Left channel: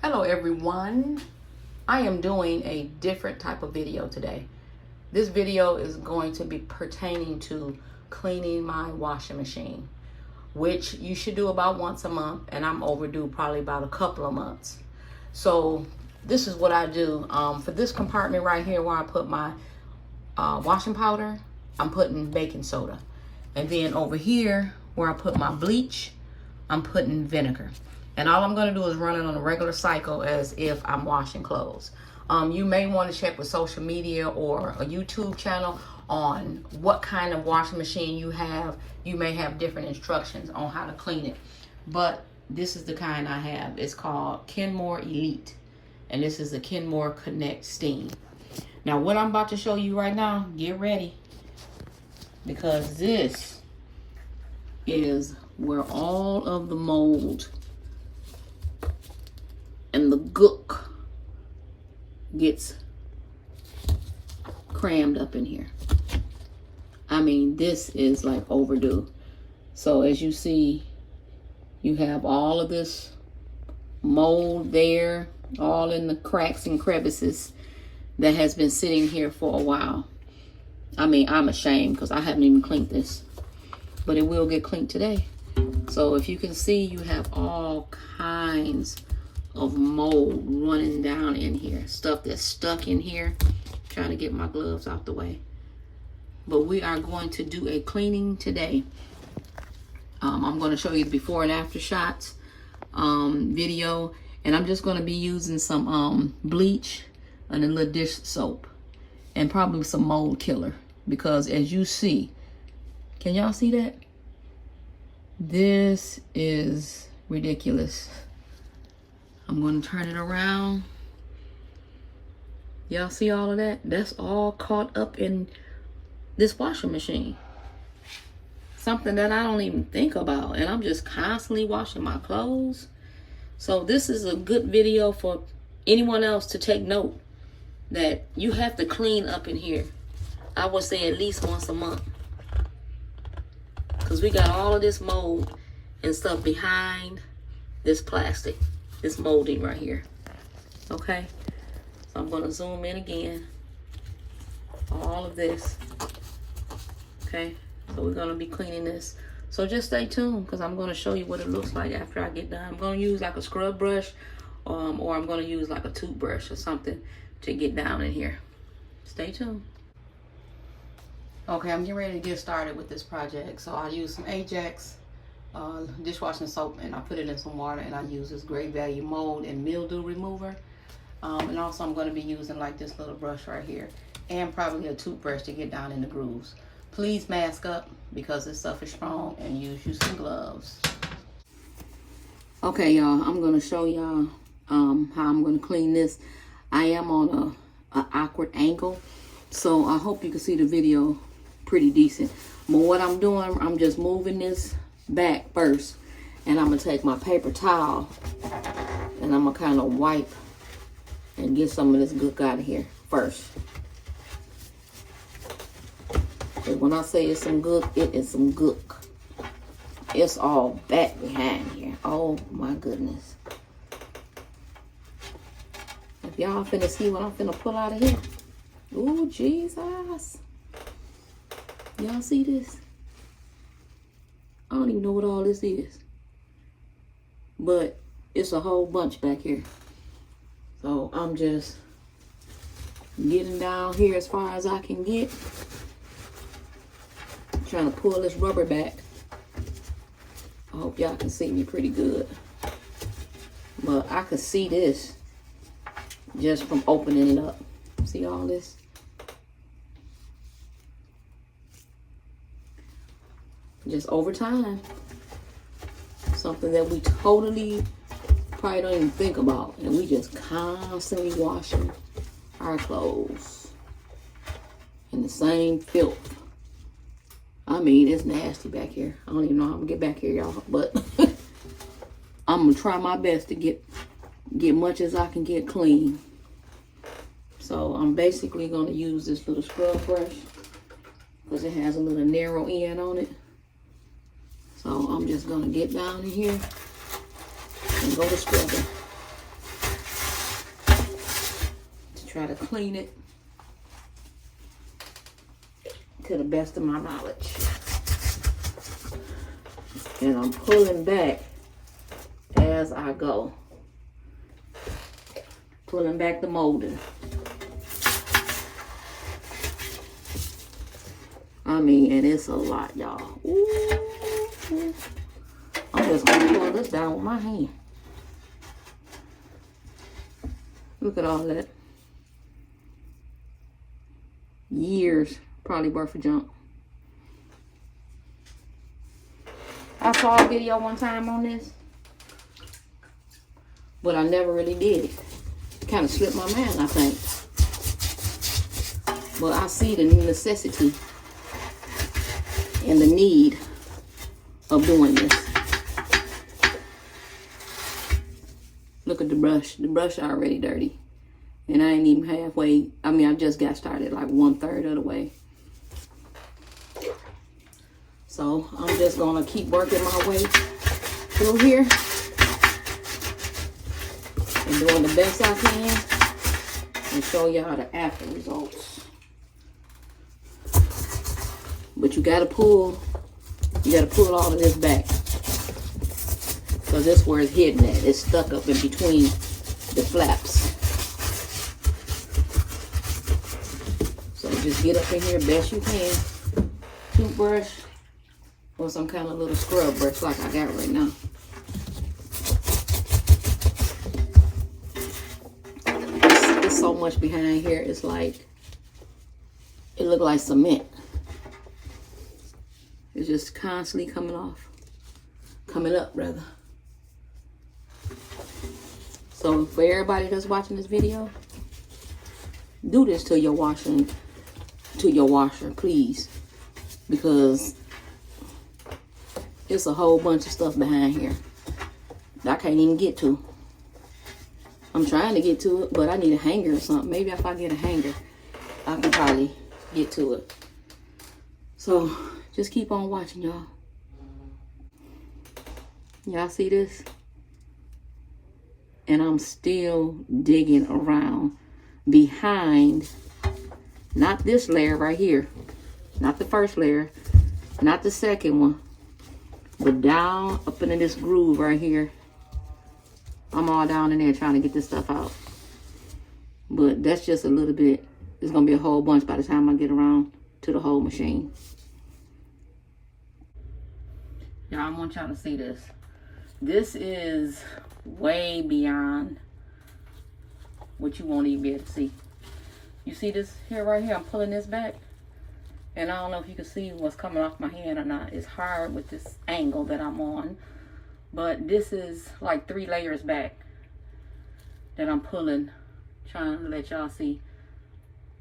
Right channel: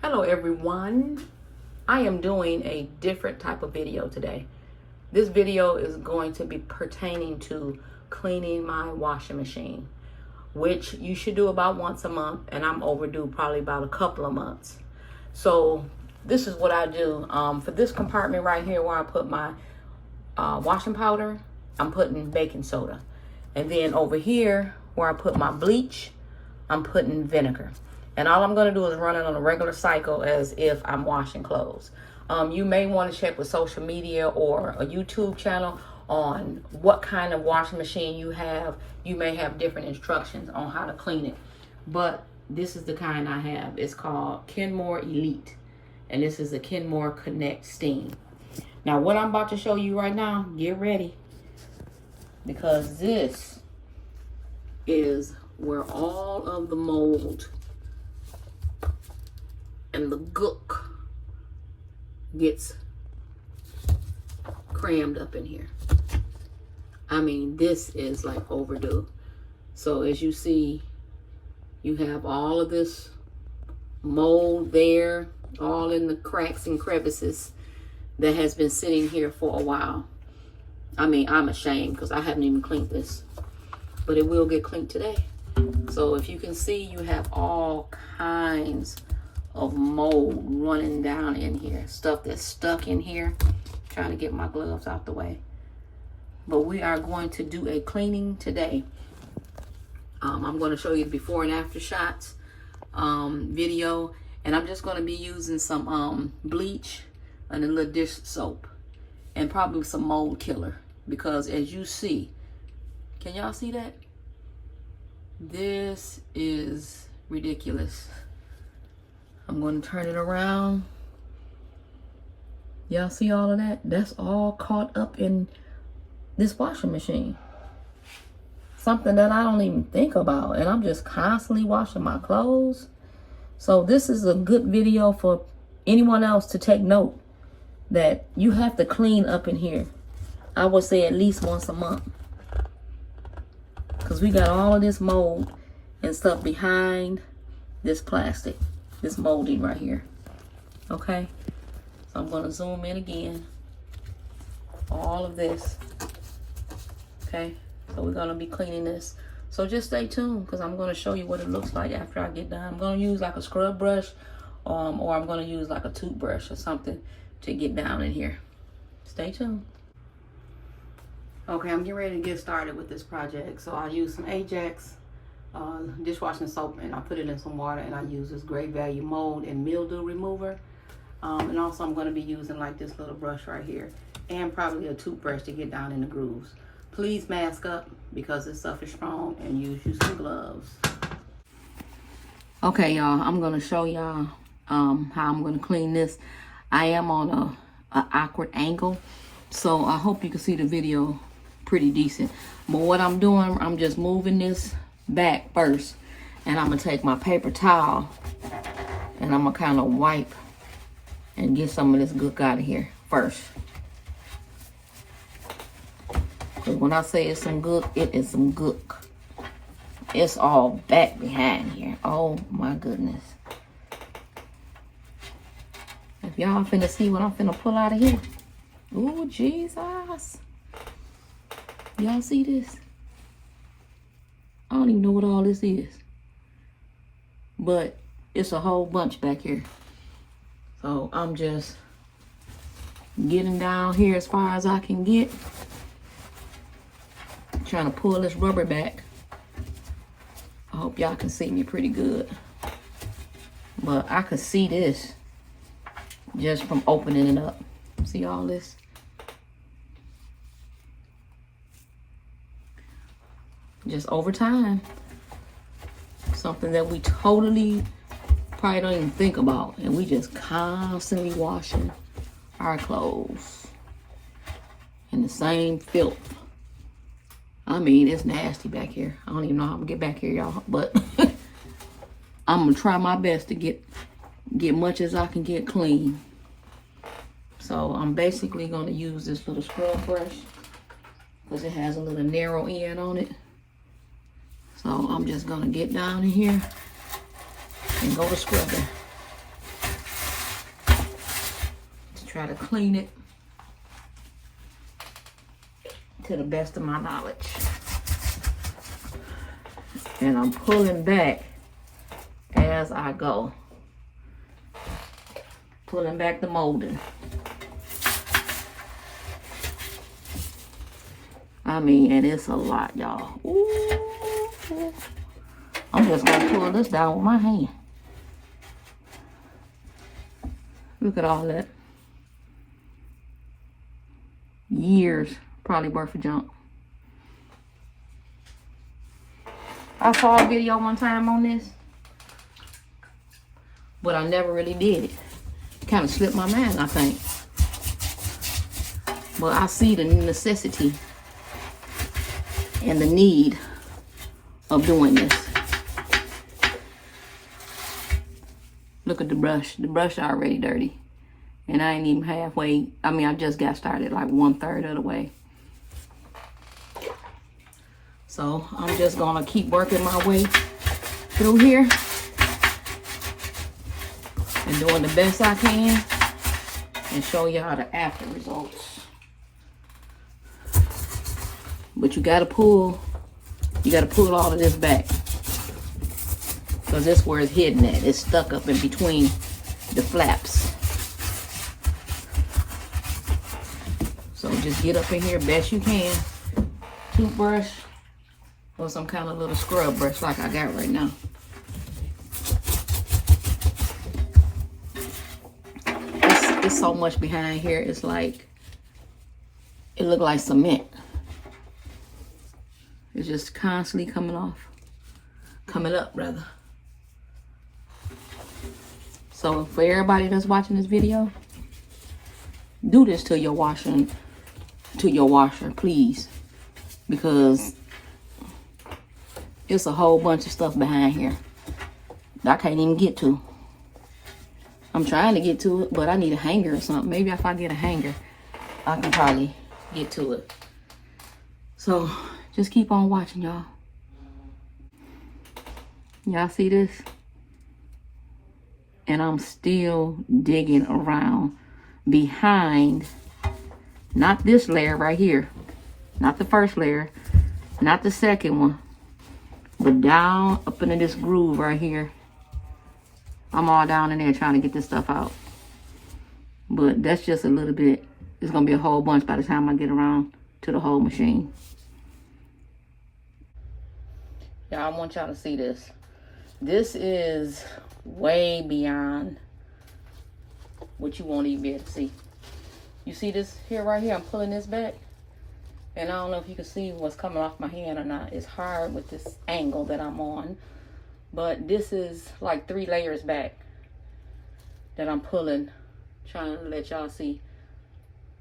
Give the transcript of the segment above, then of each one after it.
Hello everyone. I am doing a different type of video today. This video is going to be pertaining to cleaning my washing machine, which you should do about once a month, and I'm overdue probably about a couple of months. So this is what I do. For this compartment right here where I put my washing powder, I'm putting baking soda. And then over here where I put my bleach, I'm putting vinegar. And all I'm gonna do is run it on a regular cycle as if I'm washing clothes. You may wanna check with social media or a YouTube channel on what kind of washing machine you have. You may have different instructions on how to clean it. But this is the kind I have. It's called Kenmore Elite. And this is the Kenmore Connect Steam. Now what I'm about to show you right now, get ready. Because this is where all of the mold and the gook gets crammed up in here. I mean, this is like overdue. So as you see, you have all of this mold there, all in the cracks and crevices that has been sitting here for a while. I mean, I'm ashamed because I haven't even cleaned this, but it will get cleaned today. So if you can see, you have all kinds of mold running down in here, stuff that's stuck in here. Trying to get my gloves out the way, but we are going to do a cleaning today. I'm going to show you the before and after shots video, and I'm just going to be using some bleach and a little dish soap and probably some mold killer, because as you see, can y'all see that? This is ridiculous. I'm going to turn it around. Y'all see all of that? That's all caught up in this washing machine. Something that I don't even think about. And I'm just constantly washing my clothes. So this is a good video for anyone else to take note that you have to clean up in here. I would say at least once a month. Because we got all of this mold and stuff behind this plastic. This molding right here. Okay, so I'm going to zoom in again. All of this. Okay, so we're going to be cleaning this. So just stay tuned, because I'm going to show you what it looks like after I get done. I'm going to use like a scrub brush, or I'm going to use like a toothbrush or something to get down in here. Stay tuned. Okay, I'm getting ready to get started with this project. So I'll use some Ajax dishwashing soap, and I put it in some water, and I use this great value mold and mildew remover, and also I'm going to be using like this little brush right here, and probably a toothbrush to get down in the grooves. Please mask up because this stuff is strong, and use you some gloves. Okay, y'all, I'm going to show y'all how I'm going to clean this. I am on a awkward angle, so I hope you can see the video pretty decent. But what I'm doing, I'm just moving this back first, and I'm gonna take my paper towel and I'm gonna kind of wipe and get some of this gook out of here first. And when I say it's some gook, it is some gook. It's all back behind here. Oh my goodness. If y'all finna see what I'm finna pull out of here. Oh Jesus. Y'all see this? I don't even know what all this is, but it's a whole bunch back here. So I'm just getting down here as far as I can get, trying to pull this rubber back. I hope y'all can see me pretty good, but I could see this just from opening it up. See all this? Just over time, something that we totally probably don't even think about, and we just constantly washing our clothes in the same filth. I mean, it's nasty back here. I don't even know how I'm gonna get back here, y'all, but I'm gonna try my best to get much as I can get clean. So I'm basically gonna use this little scrub brush because it has a little narrow end on it. So I'm just gonna get down in here and go to scrubbing. try to clean it to the best of my knowledge. And I'm pulling back as I go. Pulling back the molding. I mean, and it's a lot, y'all. I'm just gonna pull this down with my hand. Look at all that. Years, probably worth of junk. I saw a video one time on this, but I never really did it. Kind of slipped my mind, I think. But I see the necessity and the need of doing this. Look at the brush. The brush already dirty. And I ain't even halfway. I mean, I just got started like 1/3 of the way. So I'm just gonna keep working my way through here and doing the best I can and show y'all the after results. But you gotta pull all of this back, because that's where it's hidden at. It's stuck up in between the flaps. So just get up in here best you can. Toothbrush or some kind of little scrub brush like I got right now. It's so much behind here. It's like, it look like cement. It's just constantly coming up rather. So for everybody that's watching this video, do this to your washer, please, because it's a whole bunch of stuff behind here that I can't even get to. I'm trying to get to it, but I need a hanger or something. Maybe if I get a hanger, I can probably get to it. So just keep on watching, y'all. Y'all see this? And I'm still digging around behind, not this layer right here, not the first layer, not the second one, but down up into this groove right here. I'm all down in there trying to get this stuff out. But that's just a little bit. It's gonna be a whole bunch by the time I get around to the whole machine. Y'all, I want y'all to see this. This is way beyond what you won't even be able to see. You see this here, right here? I'm pulling this back. And I don't know if you can see what's coming off my hand or not. It's hard with this angle that I'm on. But this is like 3 layers back that I'm pulling, trying to let y'all see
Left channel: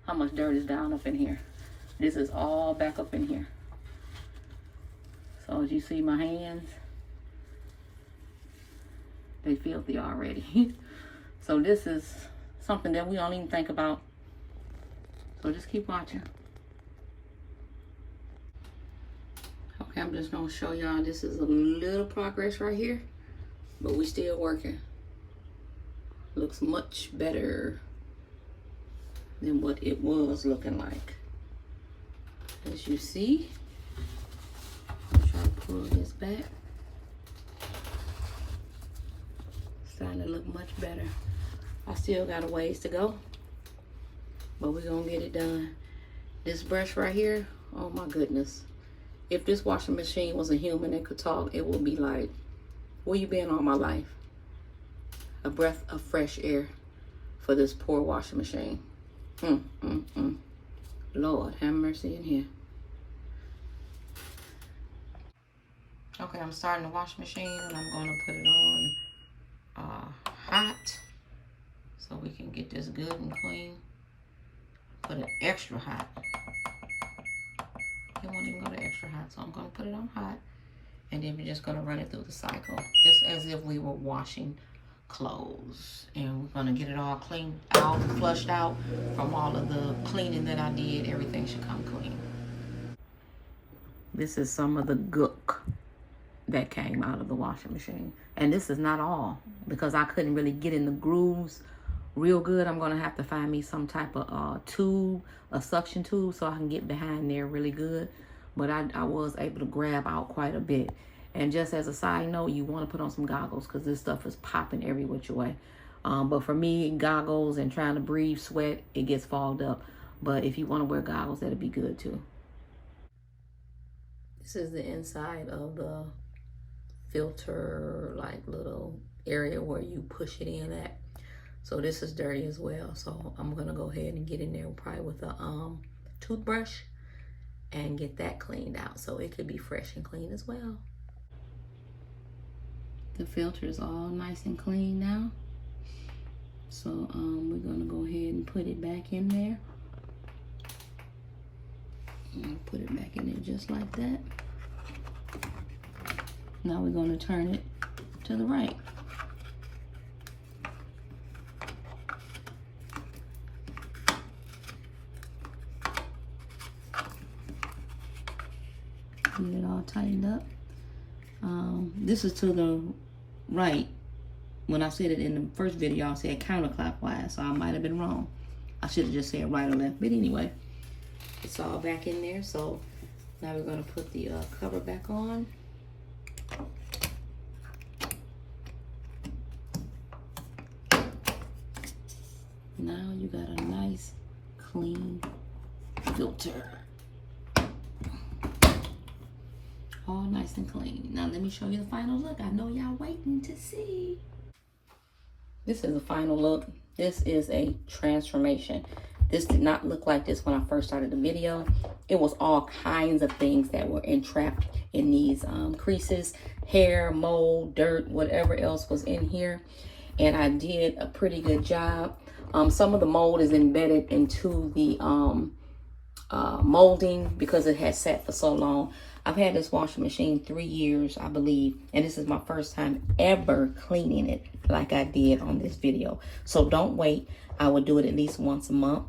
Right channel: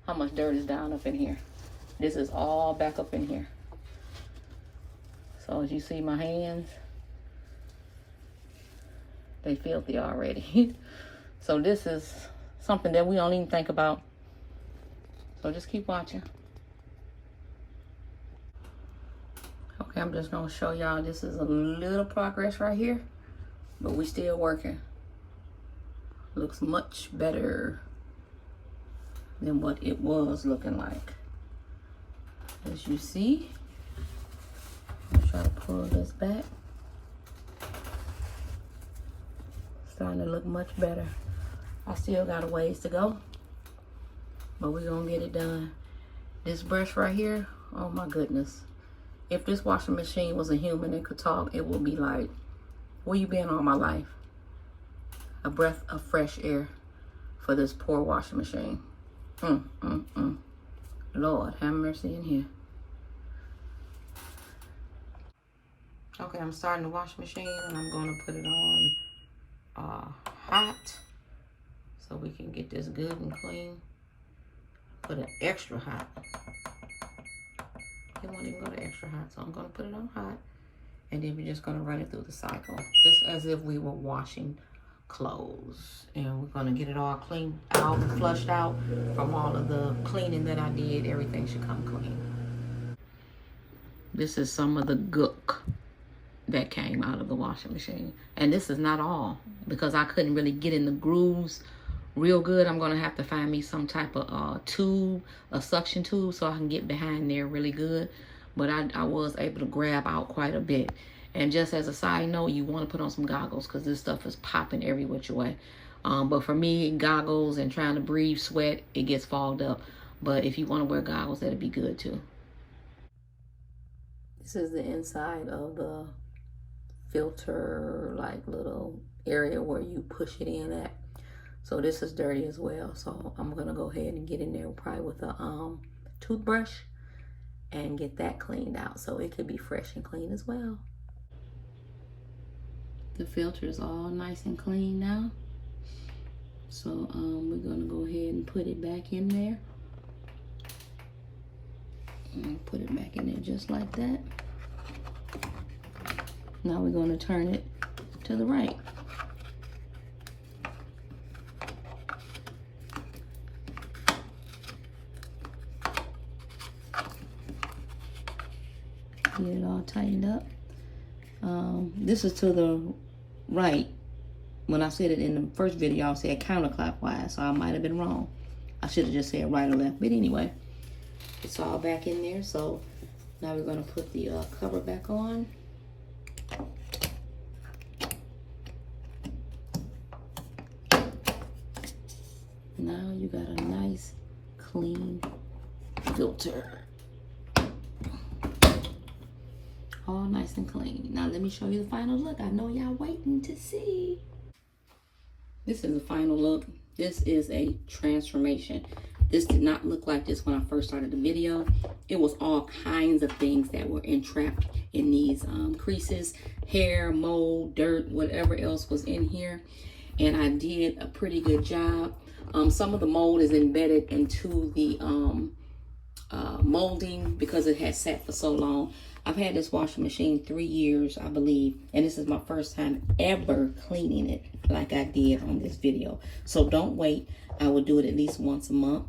how much dirt is down up in here. This is all back up in here. So as you see my hands, they filthy already. So this is something that we don't even think about. So just keep watching. Okay, I'm just gonna show y'all, this is a little progress right here, but we still working. Looks much better than what it was looking like. As you see, I'll try to pull this back. Starting to look much better. I still got a ways to go, but we're gonna get it done. This brush right here, oh my goodness. If this washing machine was a human and could talk, it would be like, where you been all my life? A breath of fresh air for this poor washing machine. Lord, have mercy in here. Okay, I'm starting the washing machine and I'm gonna put it on hot so we can get this good and clean. Put it extra hot. It won't even go to extra hot, so I'm gonna put it on hot, and then we're just gonna run it through the cycle, just as if we were washing clothes. And we're gonna get it all cleaned out, flushed out from all of the cleaning that I did. Everything should come clean. This is some of the gook that came out of the washing machine, and this is not all, because I couldn't really get in the grooves real good, I'm going to have to find me some type of tube, a suction tube, so I can get behind there really good. But I was able to grab out quite a bit. And just as a side note, you want to put on some goggles because this stuff is popping every which way. But for me, goggles and trying to breathe sweat, it gets fogged up. But if you want to wear goggles, that'd be good too. This is the inside of the filter, like little area where you push it in at. So this is dirty as well. So I'm gonna go ahead and get in there probably with a toothbrush and get that cleaned out so it could be fresh and clean as well. The filter is all nice and clean now. So we're gonna go ahead and put it back in there. And put it back in there just like that. Now we're gonna turn it to the right. Get it all tightened up. This is to the right. When I said it in the first video, I said counterclockwise, so I might have been wrong. I should have just said right or left, but anyway, it's all back in there. So now we're gonna put the cover back on. Now you got a nice, clean filter. All nice and clean. Now let me show you the final look. I know y'all waiting to see. This is the final look. This is a transformation. This did not look like this when I first started the video. It was all kinds of things that were entrapped in these creases, hair, mold, dirt, whatever else was in here. And I did a pretty good job. Some of the mold is embedded into the molding because it has sat for so long. I've had this washing machine 3 years, I believe, and this is my first time ever cleaning it like I did on this video. So don't wait. I will do it at least once a month.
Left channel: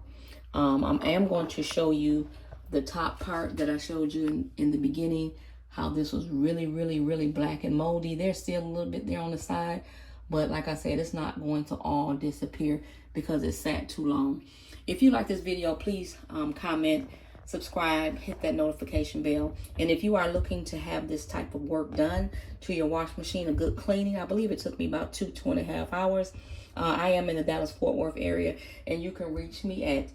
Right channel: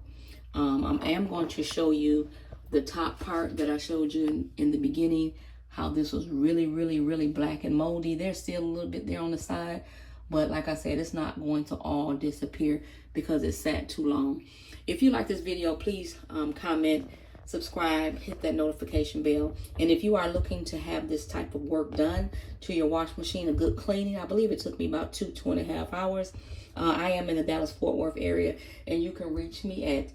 I am going to show you the top part that I showed you in the beginning, how this was really, really, really black and moldy. There's still a little bit there on the side, but like I said, it's not going to all disappear because it sat too long. If you like this video, please comment, subscribe, hit that notification bell. And if you are looking to have this type of work done to your wash machine, a good cleaning, I believe it took me about 2.5 hours. I am in the Dallas-Fort Worth area, and you can reach me at,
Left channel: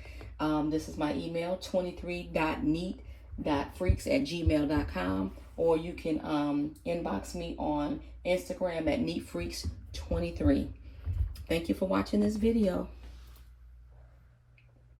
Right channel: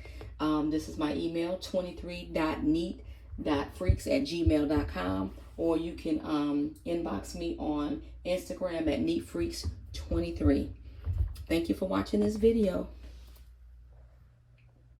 this is my email, 23.neat.freaks@gmail.com, or you can inbox me on Instagram at neatfreaks23. Thank you for watching this video.